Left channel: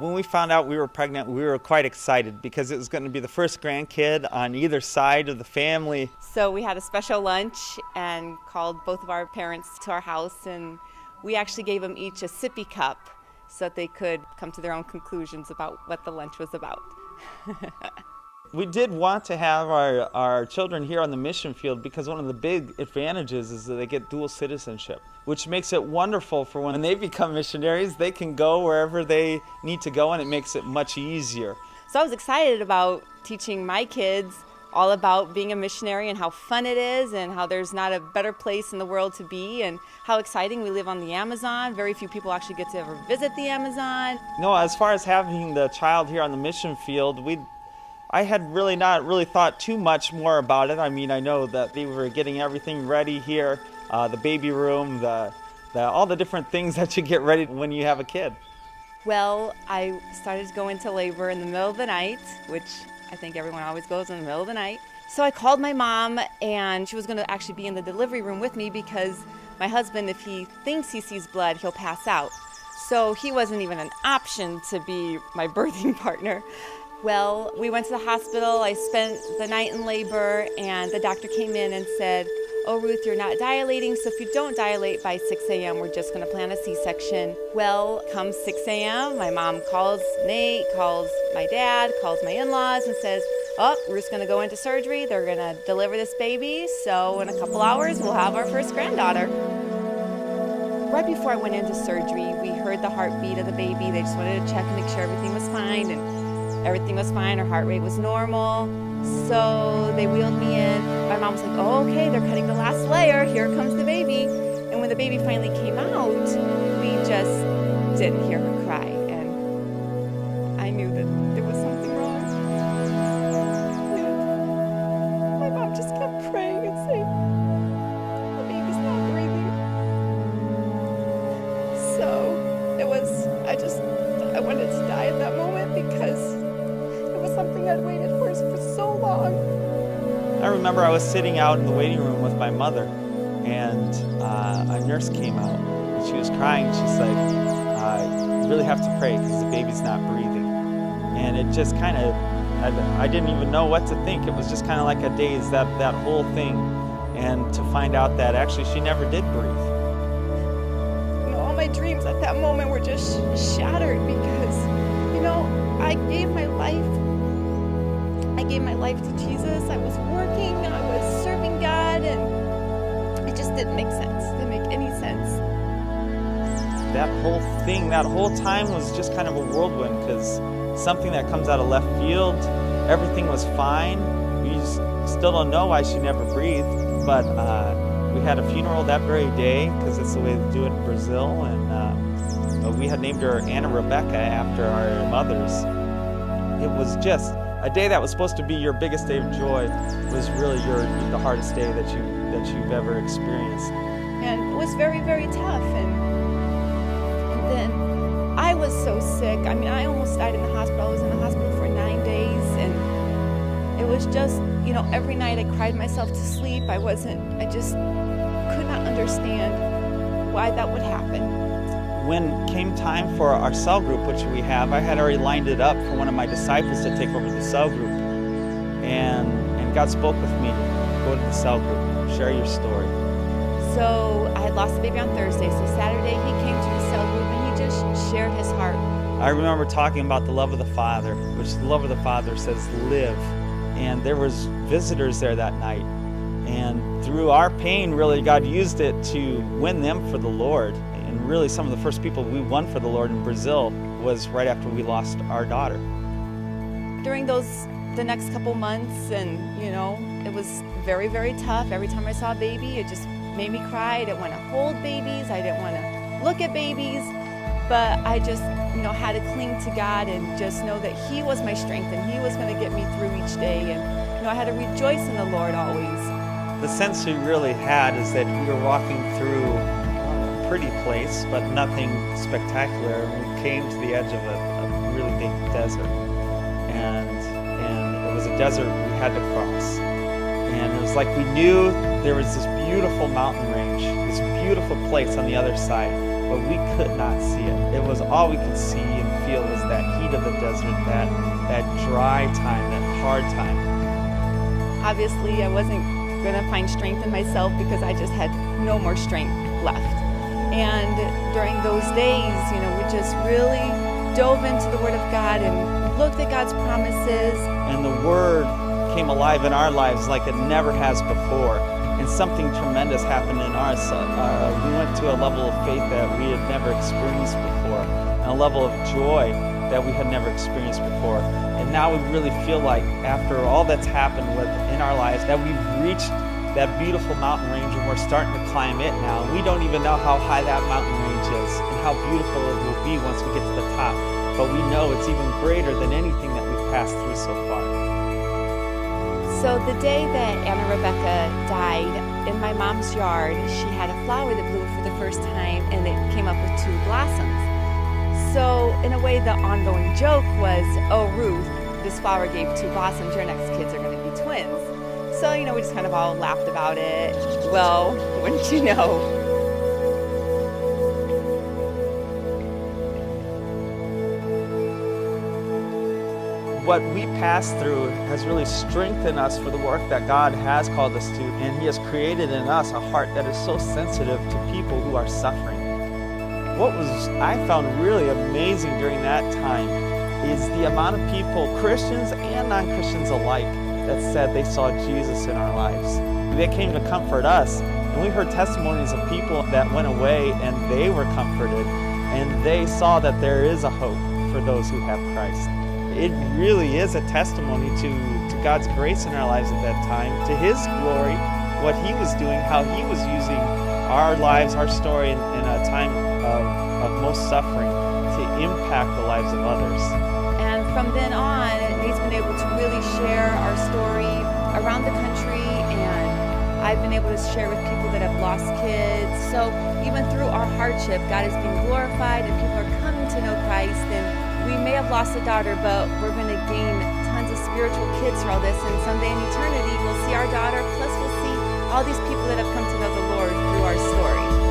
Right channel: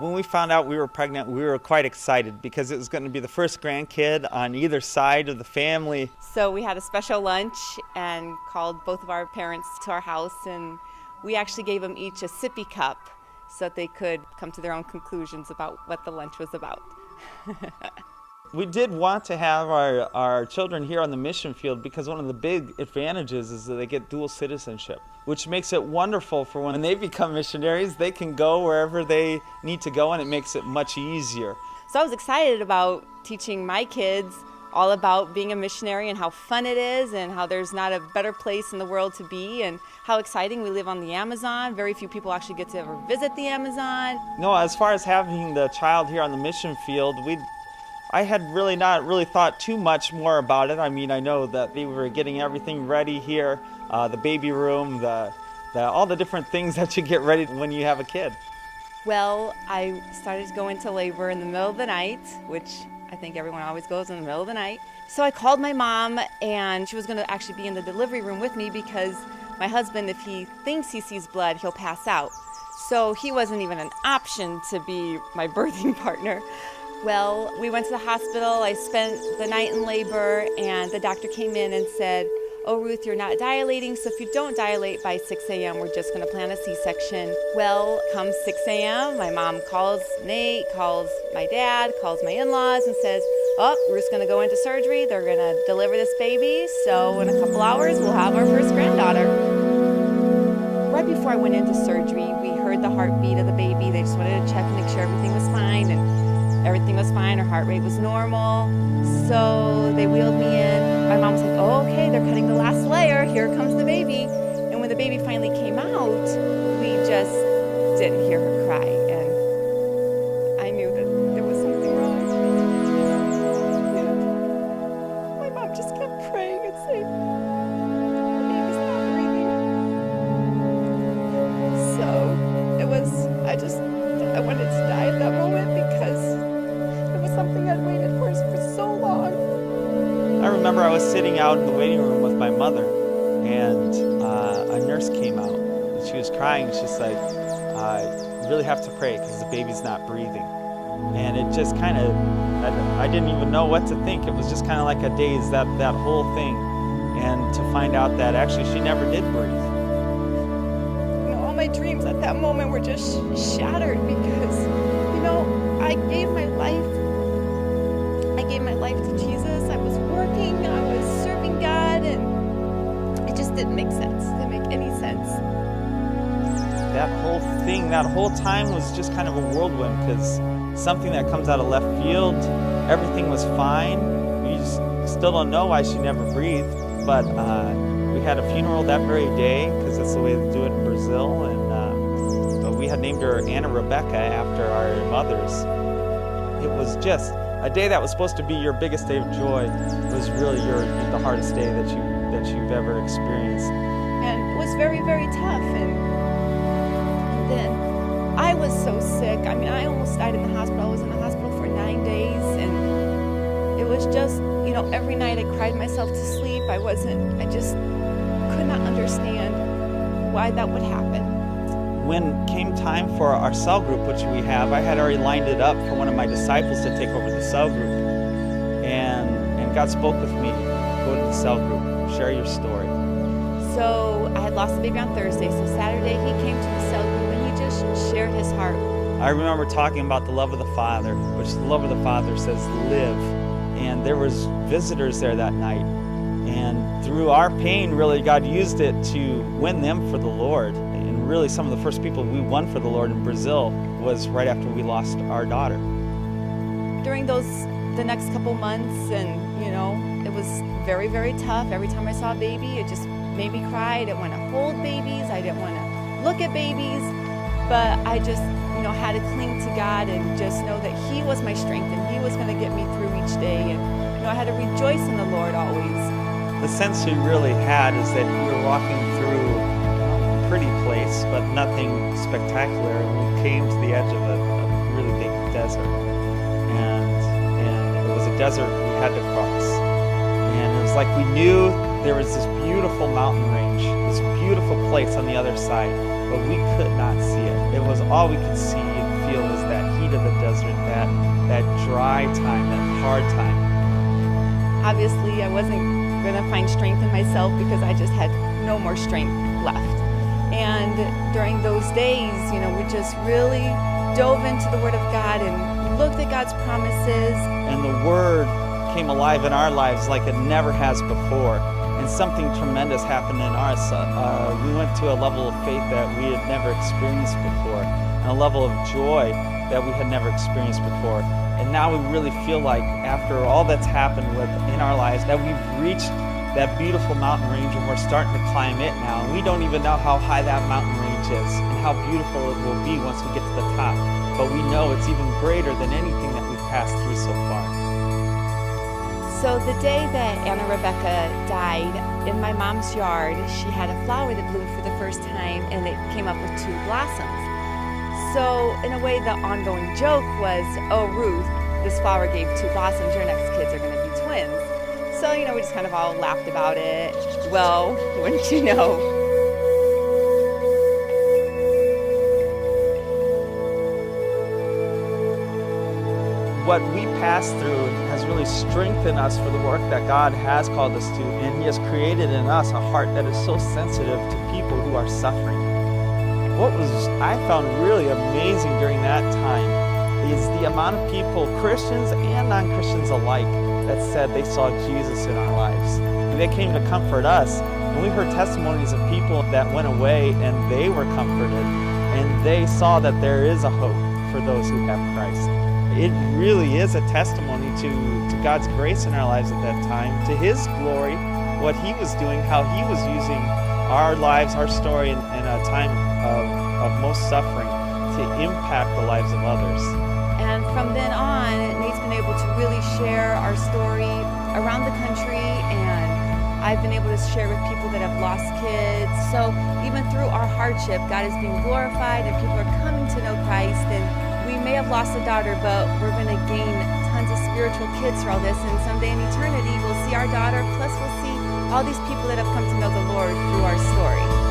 When we found out we were pregnant, we were quite excited because it was going to be the first grandkid on either side of the family. So we had a special lunch and called both of our parents to our house, and we actually gave them each a sippy cup so that they could come to their own conclusions about what the lunch was about. We did want to have our children here on the mission field because one of the big advantages is that they get dual citizenship, which makes it wonderful for when they become missionaries. They can go wherever they need to go, and it makes it much easier. So I was excited about teaching my kids all about being a missionary and how fun it is and how there's not a better place in the world to be and how exciting we live on the Amazon. Very few people actually get to ever visit the Amazon. No, as far as having the child here on the mission field, I had really not thought too much more about it. I mean, I know that we were getting everything ready here, the baby room, all the different things that you get ready when you have a kid. Well, I started to go into labor in the middle of the night, which I think everyone always goes in the middle of the night. So I called my mom, and she was going to actually be in the delivery room with me because my husband, if he thinks he sees blood, he'll pass out. So he wasn't even an option to be my birthing partner. Well, we went to the hospital. I spent the night in labor, and the doctor came in and said, "Oh, Ruth, you're not dilating, so if you don't dilate by 6 a.m., we're just going to plan a C-section." Well, come 6 a.m., my mom calls Nate, calls my dad, calls my in-laws, and says, "Oh, Ruth's going to go into surgery. They're going to deliver this baby, so in a couple hours, we'll have our first granddaughter." Right before I went into surgery, we heard the heartbeat of the baby. They just wanted to check and make sure everything was fine, and everything was fine. Her heart rate was normal. So they wheeled me in. My mom was like, "Oh, okay, they're cutting the last layer. Here comes the baby." And when the baby finally came out, we just didn't hear her cry. And I knew that there was something wrong. And my mom just kept praying and saying, "The baby's not breathing." So I wanted to die at that moment because it was something I'd waited for so long. I remember I was sitting out in the waiting room with my mother, and a nurse came out, and she was crying. She said, "You really have to pray because the baby's not breathing." And it just kind of, I didn't even know what to think. It was just kind of like a daze, that whole thing. And to find out that actually she never did breathe. All my dreams at that moment were just shattered because, I gave my life to Jesus. I was working, I was serving God, and it just didn't make sense. It didn't make any sense. That whole thing, that whole time was just kind of a whirlwind because something that comes out of left field, everything was fine. We just still don't know why she never breathed, but we had a funeral that very day because that's the way they do it in Brazil, and we had named her Anna Rebecca after our mothers. It was just a day that was supposed to be your biggest day of joy was really the hardest day that you've ever experienced. And it was very, very tough. And then I was so sick. I mean, I almost died in the hospital. I was in the hospital for 9 days, and it was just, every night I cried myself to sleep. I just could not understand why that would happen. When came time for our cell group, which we have, I had already lined it up for one of my disciples to take over the cell group. And God spoke with me, go to the cell group, share your story. So I had lost the baby on Thursday, so Saturday he came to the cell group and he just shared his heart. I remember talking about the love of the Father, which the love of the Father says live. And there was visitors there that night. And through our pain, really, God used it to win them for the Lord. And really, some of the first people we won for the Lord in Brazil was right after we lost our daughter. During the next couple months, and it was very, very tough. Every time I saw a baby, it just made me cry. I didn't want to hold babies. I didn't want to look at babies. But I just, had to cling to God and just know that He was my strength and He was going to get me through each day. And, I had to rejoice in the Lord always. The sense we really had is that we were walking through a pretty place, but nothing spectacular. And we came to the edge of a really big desert. And it was a desert we had to cross. And it was like we knew there was this beautiful mountain range, this beautiful place on the other side. but we could not see it. It was all we could see and feel was that heat of the desert, that dry time, that hard time. Obviously, I wasn't going to find strength in myself because I just had no more strength left. And during those days, we just really dove into the Word of God and looked at God's promises. And the Word came alive in our lives like it never has before. And something tremendous happened in ours. We went to a level of faith that we had never experienced before, and a level of joy that we had never experienced before. And now we really feel like, after all that's happened in our lives, that we've reached that beautiful mountain range and we're starting to climb it now. And we don't even know how high that mountain range is and how beautiful it will be once we get to the top. But we know it's even greater than anything that we've passed through so far. So the day that Anna Rebecca died, in my mom's yard, she had a flower that bloomed for the first time, and it came up with 2 blossoms. So in a way, the ongoing joke was, oh, Ruth, this flower gave 2 blossoms, your next kids are going to be twins. So, we just kind of all laughed about it. Well, wouldn't you know? What we passed through has really strengthened us for the work that God has called us to, and He has created in us a heart that is so sensitive to people who are suffering. What I found really amazing during that time is the amount of people, Christians and non-Christians alike, that said they saw Jesus in our lives. They came to comfort us, and we heard testimonies of people that went away and they were comforted, and they saw that there is a hope for those who have Christ. It really is a testimony to God's grace in our lives at that time, to His glory, what He was doing, how He was using our lives, our story in a time of most suffering to impact the lives of others. And from then on, Nate's been able to really share our story around the country, and I've been able to share with people that have lost kids. So even through our hardship, God is being glorified and people are coming to know Christ. And we may have lost a daughter, but we're going to gain tons of spiritual kids through all this. And someday in eternity, we'll see our daughter, plus we'll see all these people that have come to know the Lord through our story.